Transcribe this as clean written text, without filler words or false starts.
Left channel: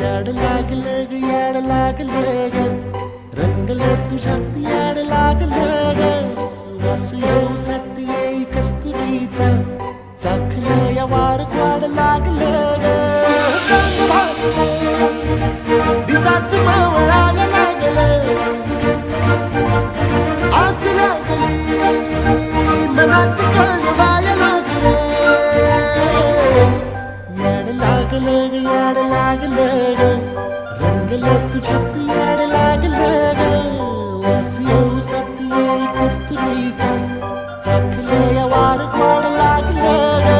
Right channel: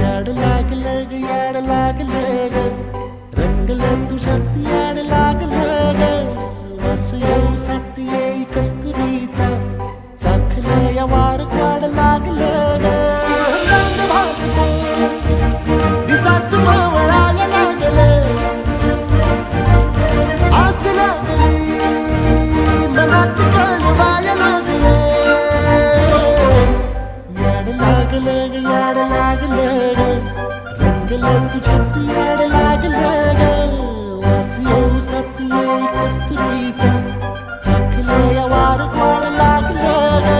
याड लागलं ग याड लागलं ग रंगलं तुझ्यात याड लागलं ग वास येऊ साथ येई कस्तुरीचा चाखलं या वार वाड लागलं ग चांद भाजलं दिसाच मावळायला लागलं आस लागली मनात कळवायला लागलं याड लागलं ग याड लागलं ग रंगलं तुझ्यात याड लागलं ग वास येऊ साथ येई कस्तुरीचा चाखलं या वार वाड लागलं ग